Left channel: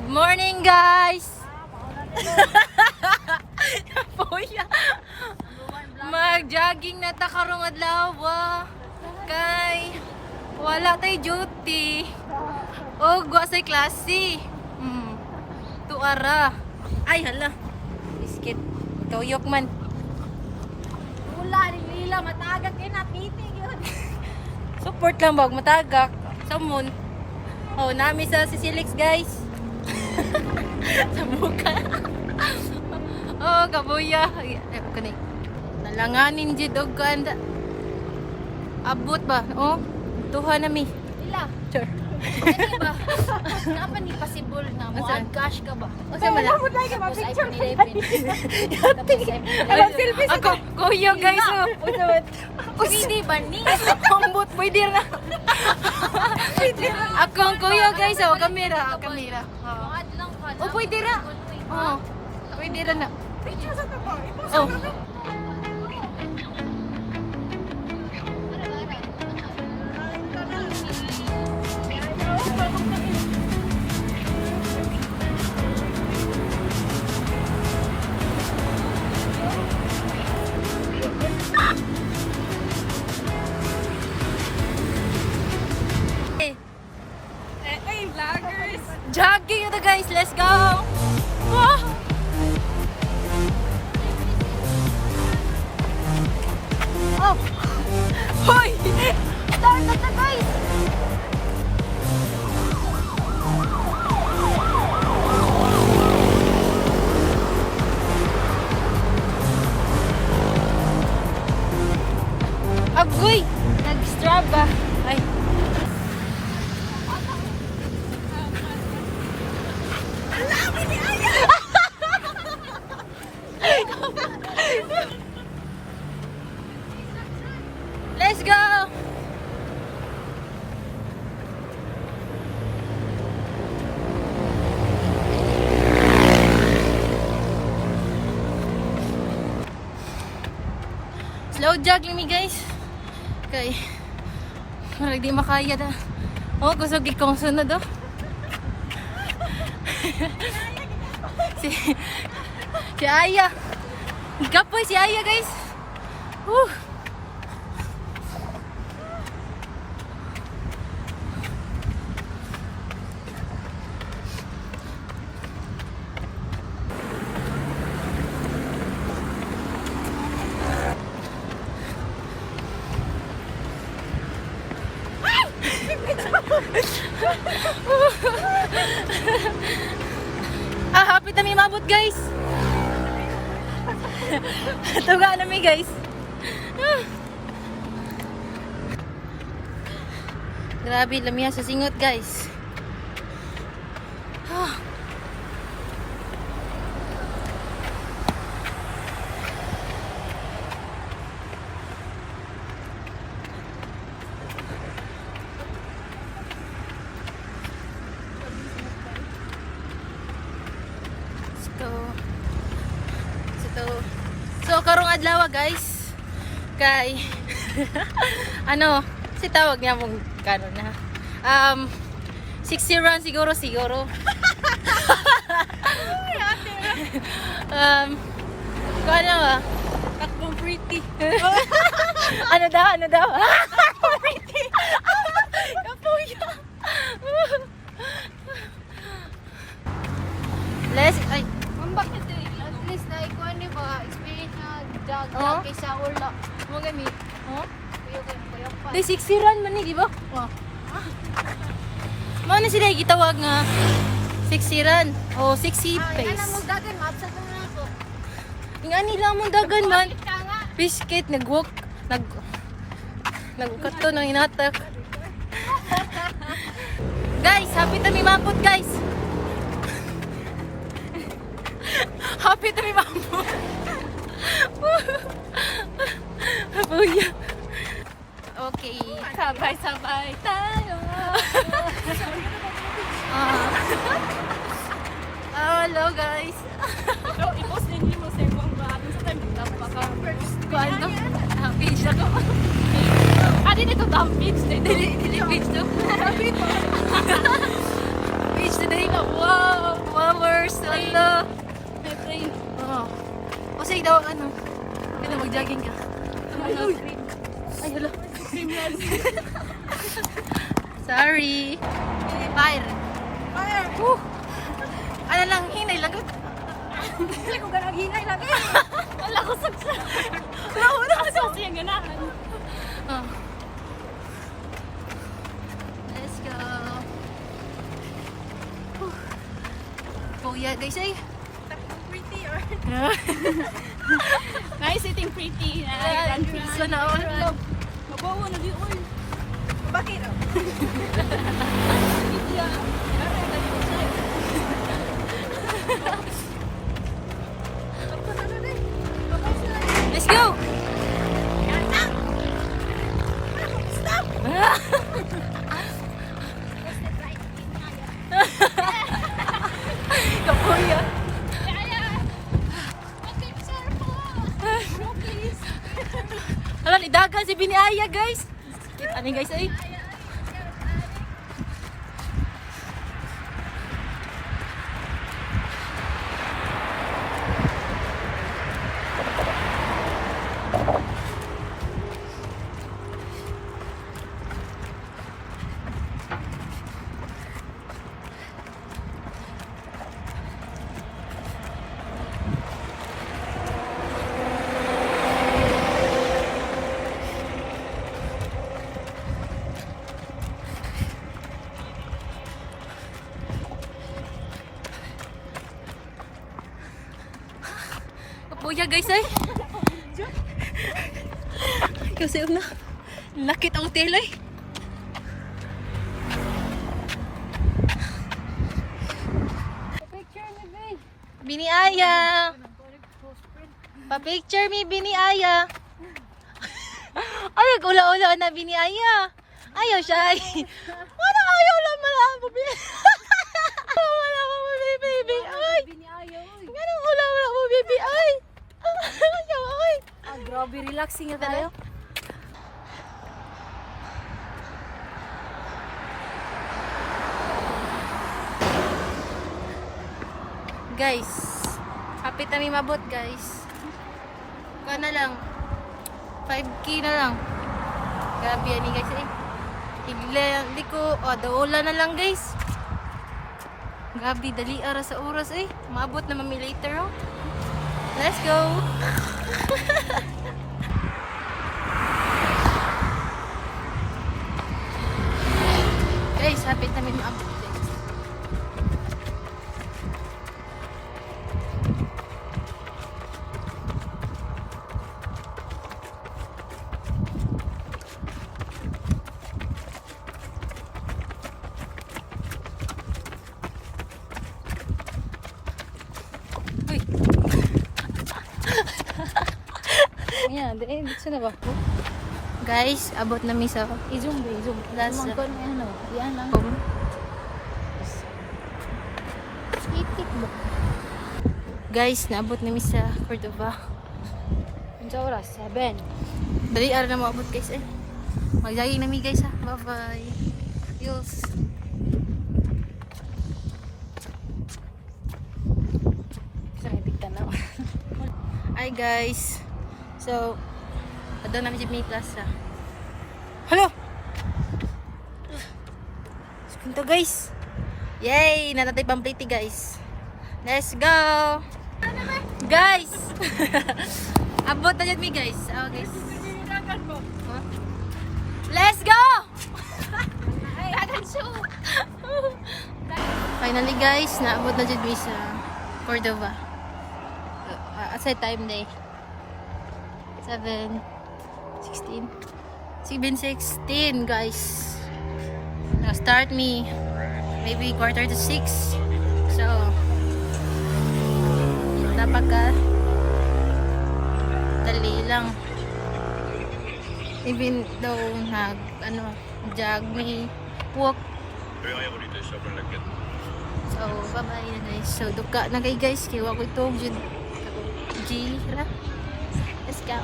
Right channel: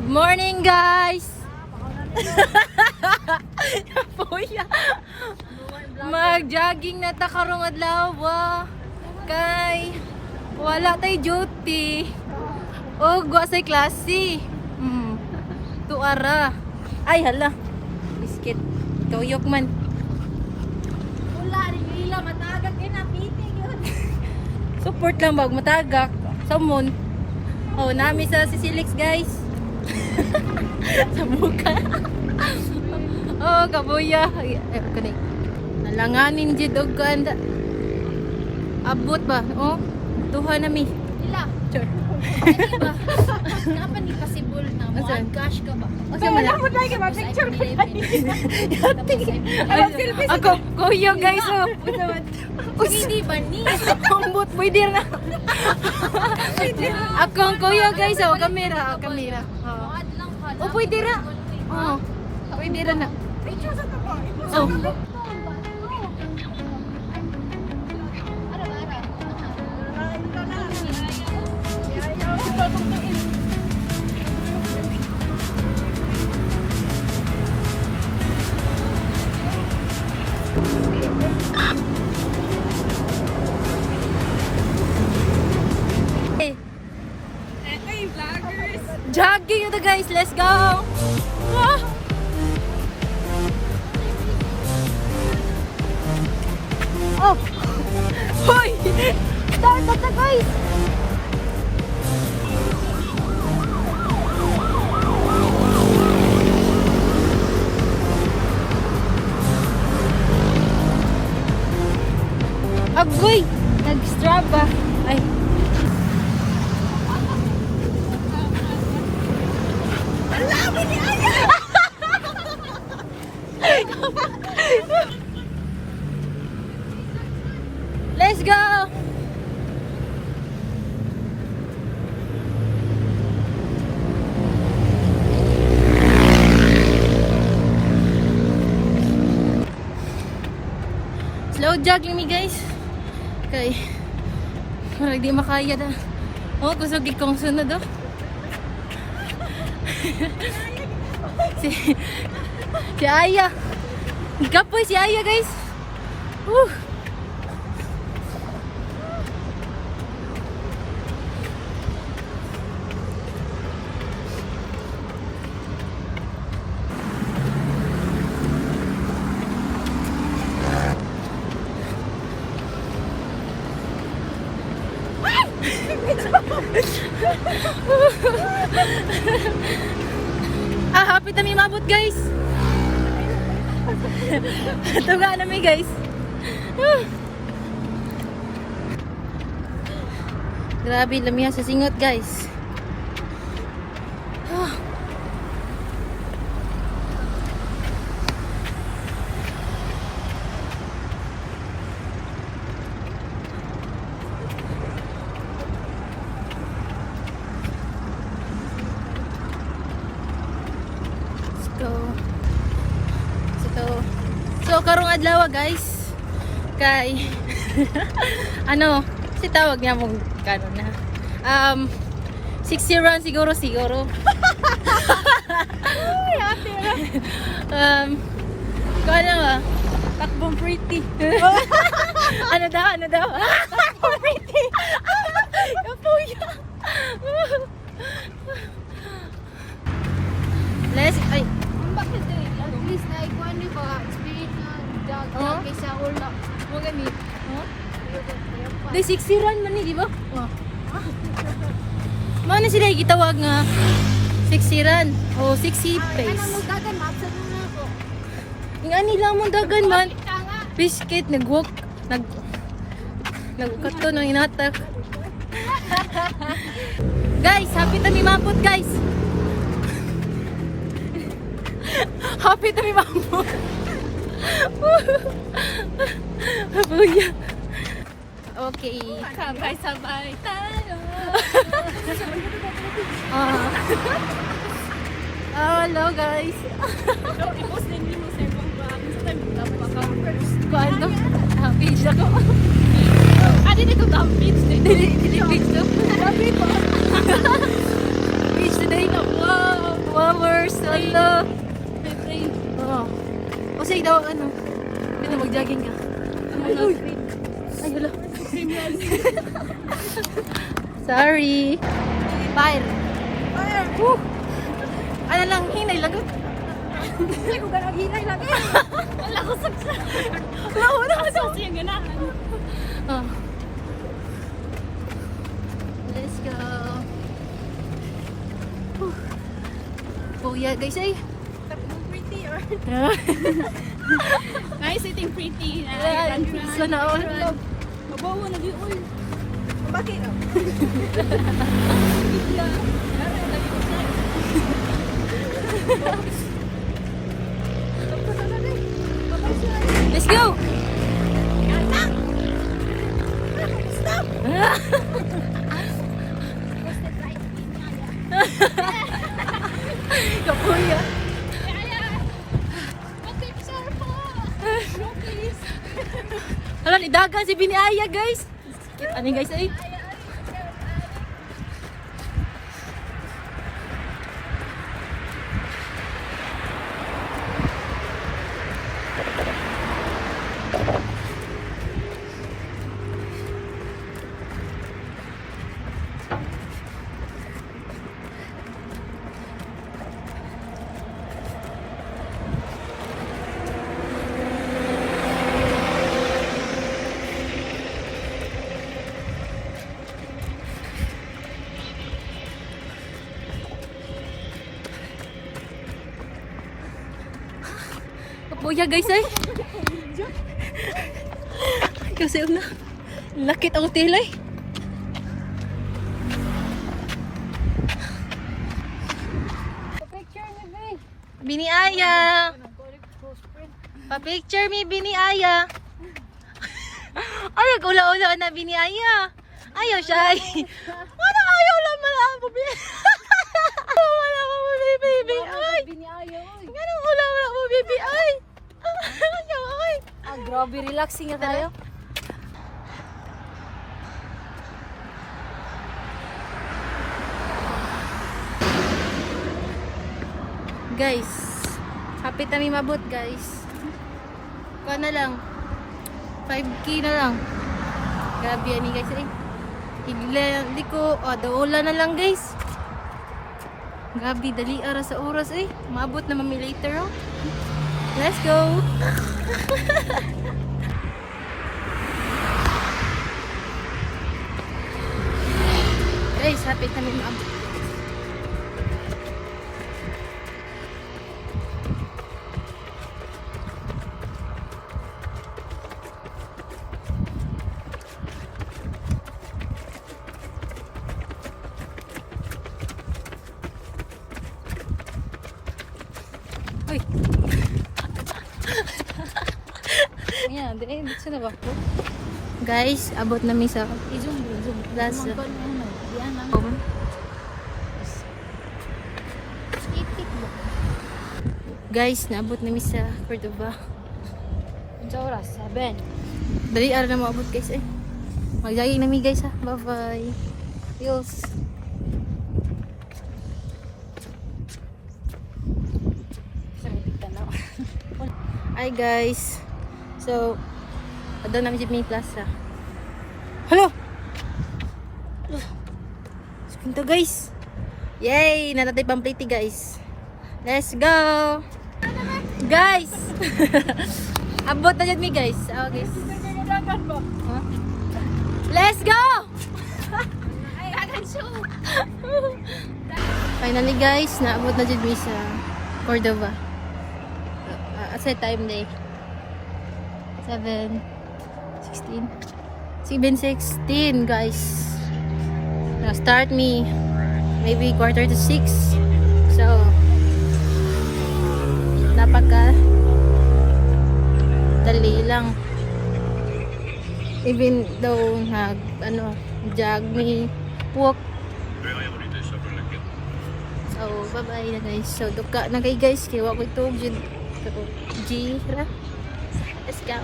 Good morning, guys. Puya. Mag-jogging na ta karong adlaw. Kay wala tay duty. Og wa say klase. Tuara. Ay hala. Biscuit. Toyok man. Wala rin nila matagag din na piting yun. Support lang bag matagak. Samon. Oh, nami sa Sisilix, guys. Sa muka. Oh, kabuya. Ay, kani. Nalanganin jud og kanda. Abot ba? Oh, tuha nami. Nila. Sure. Kapan di possible na mo Asan? cash ka ba? Asa man na? Tapos iPhone 11. Ako, kuya guys, oh. Hindi ba ni? Kumbot, pwede na. Akong kuya guys, oh. Kamera, kamera. Oh. Muad lang ka Oh, pwede na. Oh. Pwede na. Oh. Jogging na guys, let's go! Ah! Oh! Hoy! Start na ta guys! Agoy! Nag-straba! Ay! Let's go! Slow jogging me guys. Okay. Parang di makaya na. Oh, kusog ikong sunod oh. Si Aya. Gapoy si Aya guys. Hapit na may mabot guys. Tuga na may guys. Grabe lamihan sa singot guys. So karong adlaw guys kay ano si tawag niya mong kanon na 60 run siguro kano ba Takbong pretty. ano daw takbong pretty kapuya ay Bakit ito? Please na ikuan ni ba experience na Oh? dog sa ulo. Mo gani. huh? Day 60 run man ni di ba? Mana sila gitawag nga 60 run o 60 pace. Ana mo dagan maapsat mo na ako. Nga nila mong dagan man. Kita nga. Biscuit, nag-walk, nag-ukat to ng inatak. Guys, happy na may mapot guys. Happy na may mapot. Habuya. Okay. Sabay-sabay tayo. Hello guys. Kuano? Page ako. Dili ko dump page. Dili page to. Grabe pa. Page today. Wow. flowers. Ala. Oo. O sige daw, ano. Hindi na mag-jogging ka. Ay, hala. Sorry. Fire. Woo. Ano lang, hinay lagot. Hindi ko ganang hinay lang. Wala ko saksa. Wala ko na kasi. Siyang ganahan. Oh. Let's go. Whew. Oh yeah, guys, ay. Pretty or... Nice eating pretty. Sana all. Mabawa na di oy. Bakit? Let's go. Stop! Kapuya. Hala, nidaga si Biniaya, guys. Ano guys, ay? Kapuya, guys, ay. Kasi una, lakit ang tilay. Picture ni Bay. Biniaya. Pa-picture mi Biniaya. Ay, ula-ula na Biniaya. Ayaw siya. Ano ayaw lang malaman mo, wala mo mo, baby. Ay, ganun ula-ula mo, baby. Ay. Ay. Grabe, relaxing na tayo. Guys, kapit na may mabot, guys. Kuha na lang. 5K na lang. Grabe yan, guys. Eh. Hindi ko, daula na lang, guys. Grabe, dali ara sa oras, eh. Mabot na mami later, oh. Let's go! Guys, kapit na may mabot. Uy! Yan, dito na ba ko? Guys, abot namin sa Izum. last. Yan lang. Guys, naabot namin sa Cordova. Unsa oras? 7. Dali ara na maabot, guys, eh. Mag-jogging namin, guys, ha. Bye-bye. Adios. Hi, guys. So, doon namin sa May Plaza. Hello! Ito, guys. Yay! Natatay pampliti, guys. Let's go! Guys! Abot na dyan, guys. Okay. Huh? Let's go! Finally, guys, naabot na dyan sa Cordova. Asa time day? 7:16. 7:16, guys. Now start me maybe 5:45. So napaka dali lang. Even though jog me walk. So bye bye na, guys. So duka na kay, guys, kaya wako itog jud kako G ra. Let's go.